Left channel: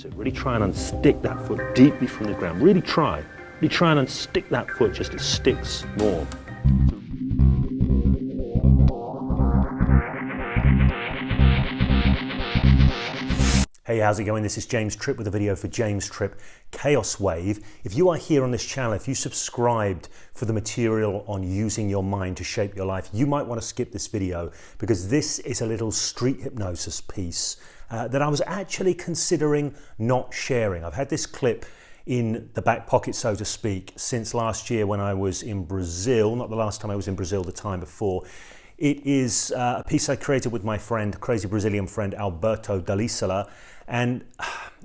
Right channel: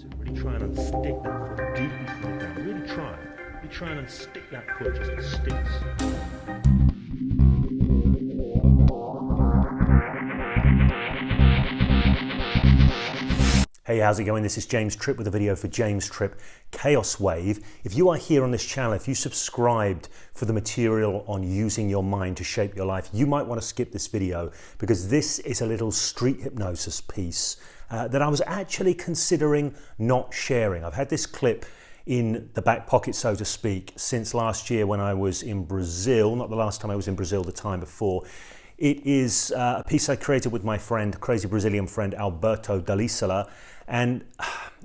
That's it. Really try and unstick that foot deeply from the ground. Really try and unstick that foot just it sticks more. Hey, how's it going? This is James Tripp with a video for James Tripp Chaos Wave. If you are here on this channel, if you subscribed for the material on using your mind to shape your life, you might want to skip this video because this is a little street hypnosis piece that I was actually considering not sharing. I've had this clip in the back pocket, so to speak, since last year when I was in Brazil. Not the last time I was in Brazil, the time before. It is a piece I created with my friend, crazy Brazilian friend, Alberto Dell'Isola. And,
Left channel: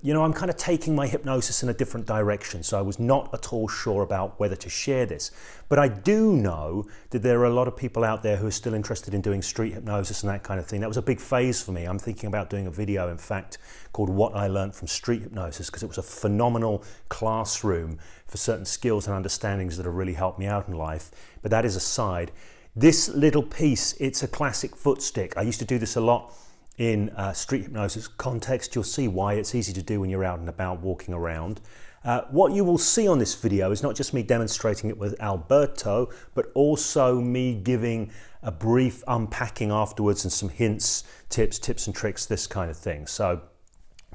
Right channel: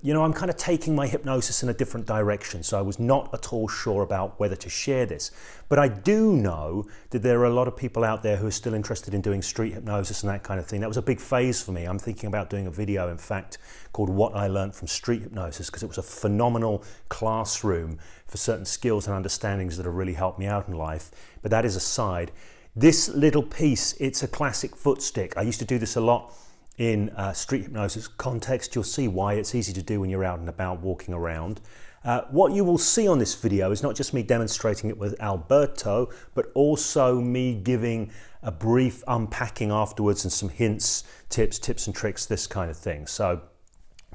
you know, I'm kind of taking my hypnosis in a different direction. So I was not at all sure about whether to share this. But I do know that there are a lot of people out there who are still interested in doing street hypnosis and that kind of thing. That was a big phase for me. I'm thinking about doing a video, in fact, called What I Learned from Street Hypnosis, because it was a phenomenal classroom for certain skills and understandings that have really helped me out in life. But that is aside. This little piece, it's a classic foot stick. I used to do this a lot in street hypnosis context. You'll see why it's easy to do when you're out and about walking around. What you will see on this video is not just me demonstrating it with Alberto, but also me giving a brief unpacking afterwards and some hints, tips and tricks, this kind of thing. So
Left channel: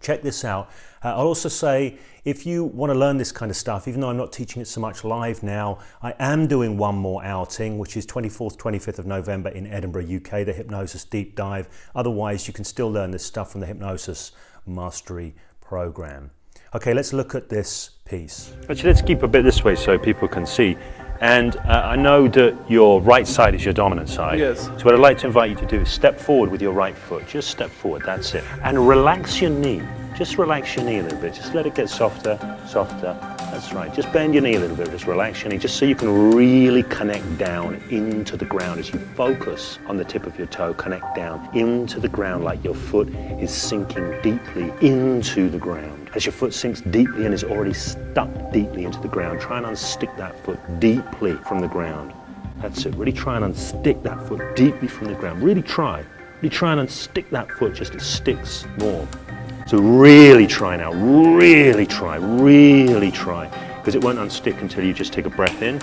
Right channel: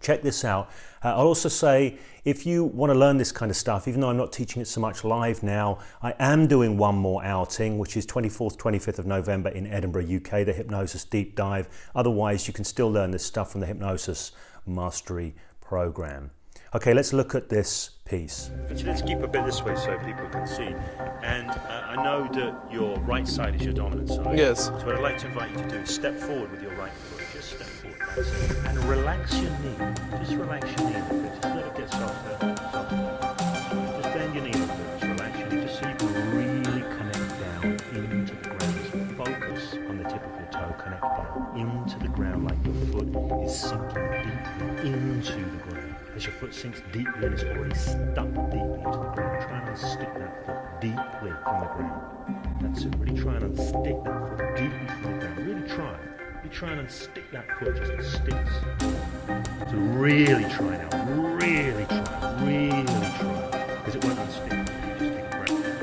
check this out. I'll also say, if you want to learn this kind of stuff, even though I'm not teaching it so much live now, I am doing one more outing, which is 24th, 25th of November in Edinburgh, UK, the Hypnosis Deep Dive. Otherwise, you can still learn this stuff from the Hypnosis Mastery Program. Okay, let's look at this piece. Actually, let's keep a bit this way so people can see. And I know that your right side is your dominant side. Yes. So what I'd like to invite you to do is step forward with your right foot. Just step forward, that's it. And relax your knee. Just relax your knee a little bit. Just let it get softer, softer. That's right. Just bend your knee a little bit. Just relax your knee, just so you can really connect down into the ground. As you focus on the tip of your toe, connect down into the ground like your foot is sinking deeply into the ground. As your foot sinks deeply and is already stuck deeply into the ground, try and unstick that foot deeply from the ground. That's it. Really try and unstick that foot deeply from the ground. Really try and unstick that foot just it sticks more. So really try now. Really try. Because it won't unstick until you just take a breath in.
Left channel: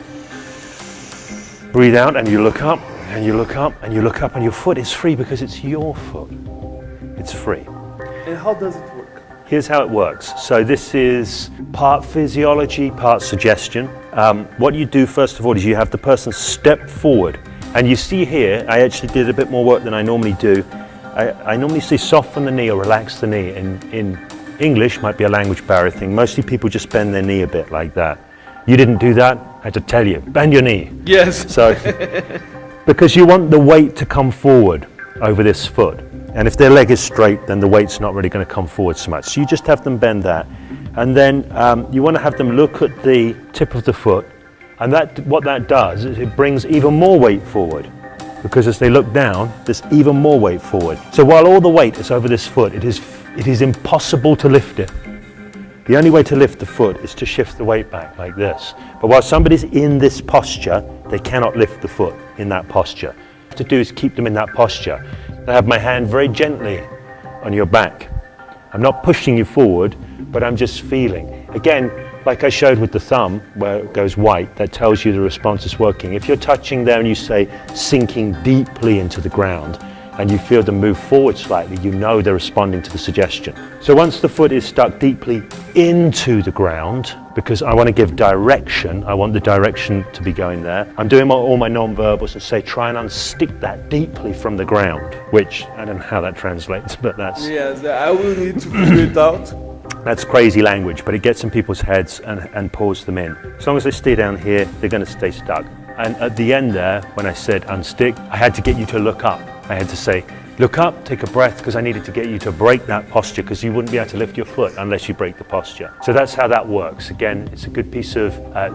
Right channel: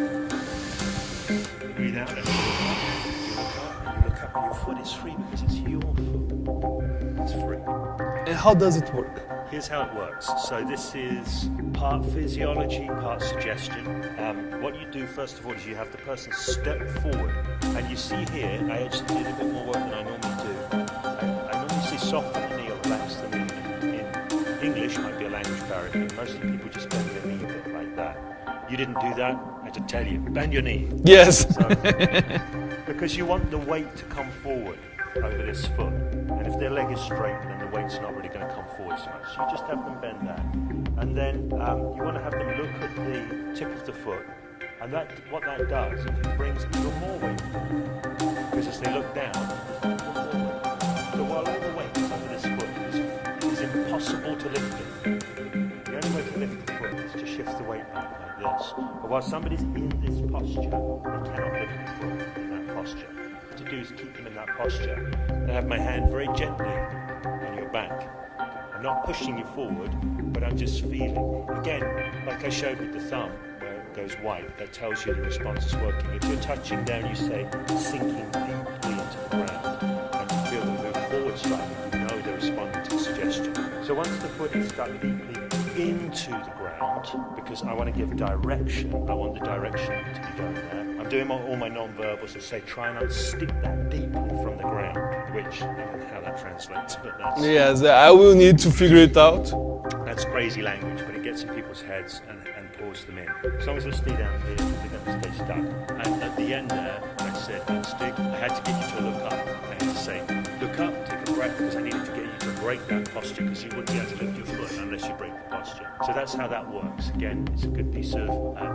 Breathe out and you look up and you look up and you look up and your foot is free because it's your foot. It's free. And how does it work? Here's how it works. So this is part physiology, part suggestion. What you do first of all is you have the person step forward. And you see here, I actually did a bit more work than I normally do. I normally say soften the knee or relax the knee. In English, might be a language barrier thing. Mostly people just bend their knee a bit like that. You didn't do that, I had to tell you, bend your knee. Yes. So, because you want the weight to come forward over this foot. And if their leg is straight, then the weight's not really going to come forward so much. So you just have them bend that. And then you want to have them look at the tip of the foot. And what that does is it brings even more weight forward. Because as they look down, there's even more weight forward. So while all the weight is over this foot, it is impossible to lift it. The only way to lift the foot is to shift the weight back like this. But while somebody's in this posture, they cannot lift the foot in that posture. What to do is keep them in that posture. I have my hand very gently on your back. I'm not pushing you forward, but I'm just feeling. Again, like I showed with the thumb, where it goes white, that tells you the response is working. If you're touching there and you say sinking deeply into the ground, and you feel them move forward slightly, you know they're responding to the suggestion. So once the foot is stuck deeply into the ground, because I want to give direction, I want the direction to be going there, I'm doing all my non-verbals and say try and unstick that deeply from the ground, which I don't know how that translates, but that's... Yes, I will need to figure it out. That's crazy language, but it gets in people's heads and pulls them in. As long as they stay down here, they're going to stay stuck. And at the end there, when I said unstick, I had to get you to look up. I had to say, look up, take a breath, because I needed to get you to break that posture, because you wouldn't be able to lift your foot unless you break the posture. So that's how that works. Again, it's a good piece of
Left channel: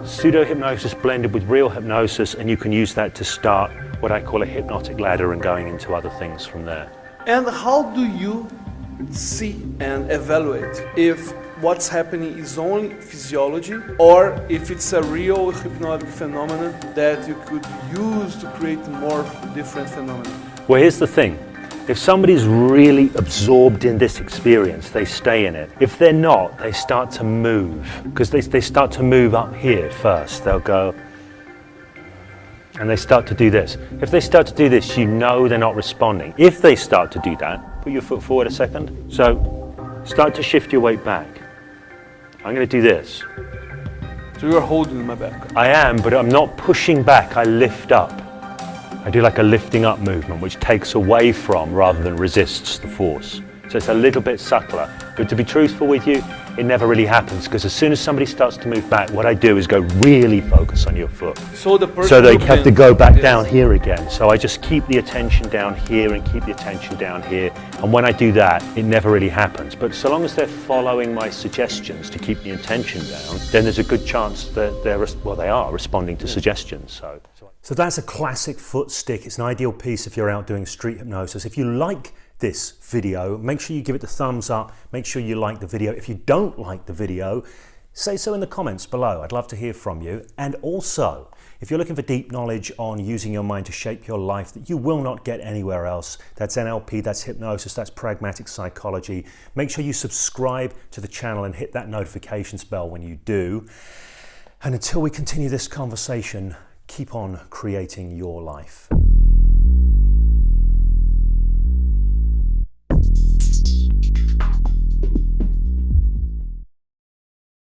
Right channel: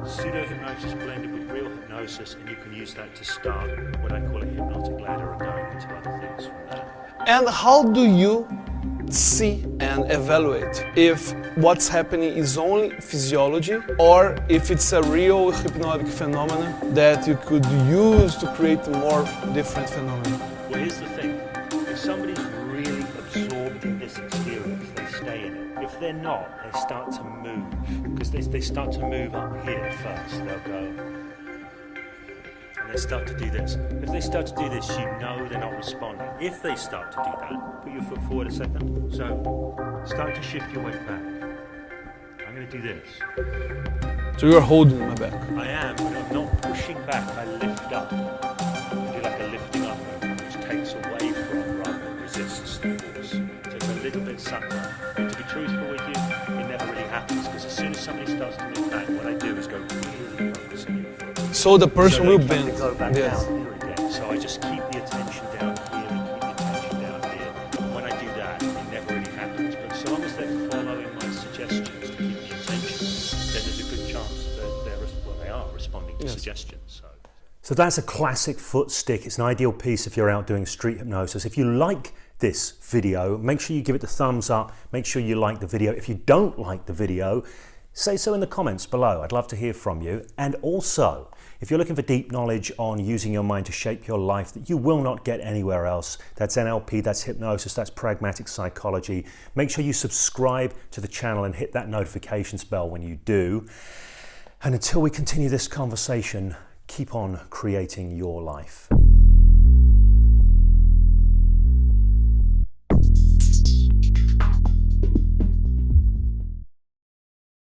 pseudo-hypnosis blended with real hypnosis, and you can use that to start what I call a hypnotic ladder and going into other things from there. And how do you see and evaluate if what's happening is only physiology or if it's a real hypnotic phenomenon that you could use to create more different phenomena? Well, here's the thing. If somebody's really absorbed in this experience, they stay in it. If they're not, they start to move, because they start to move up here first. They'll go, and they start to do this. If they start to do this, you know they're not responding. If they start to do that, put your foot forward a second. So start to shift your weight back. I'm going to do this. So you're holding my back. I am, but I'm not pushing back, I lift up. I do like a lifting up movement, which takes away from rather than resists the force. So it's a little bit subtler. But to be truthful with you, it never really happens, because as soon as somebody starts to move back, what I do is go really focus on your foot. So the person So they have to go back yes. down here again. So I just keep the attention down here and keep the attention down here. And when I do that, it never really happens. But so long as they're following my suggestions to keep the attention down, then there's a good chance that they are responding to suggestions. So that's a classic foot stick. It's an ideal piece if you're out doing street hypnosis. If you like this video, make sure you give it the thumbs up. Make sure you like the video. If you don't like the video, say so in the comments below. I'd love to hear from you. And also, if you're looking for deep knowledge on using your mind to shape your life that you will not get anywhere else, that's NLP, that's hypnosis, that's pragmatic psychology, make sure you subscribe to the channel and hit that notifications bell when you do. And until we continue this conversation, keep on creating your life.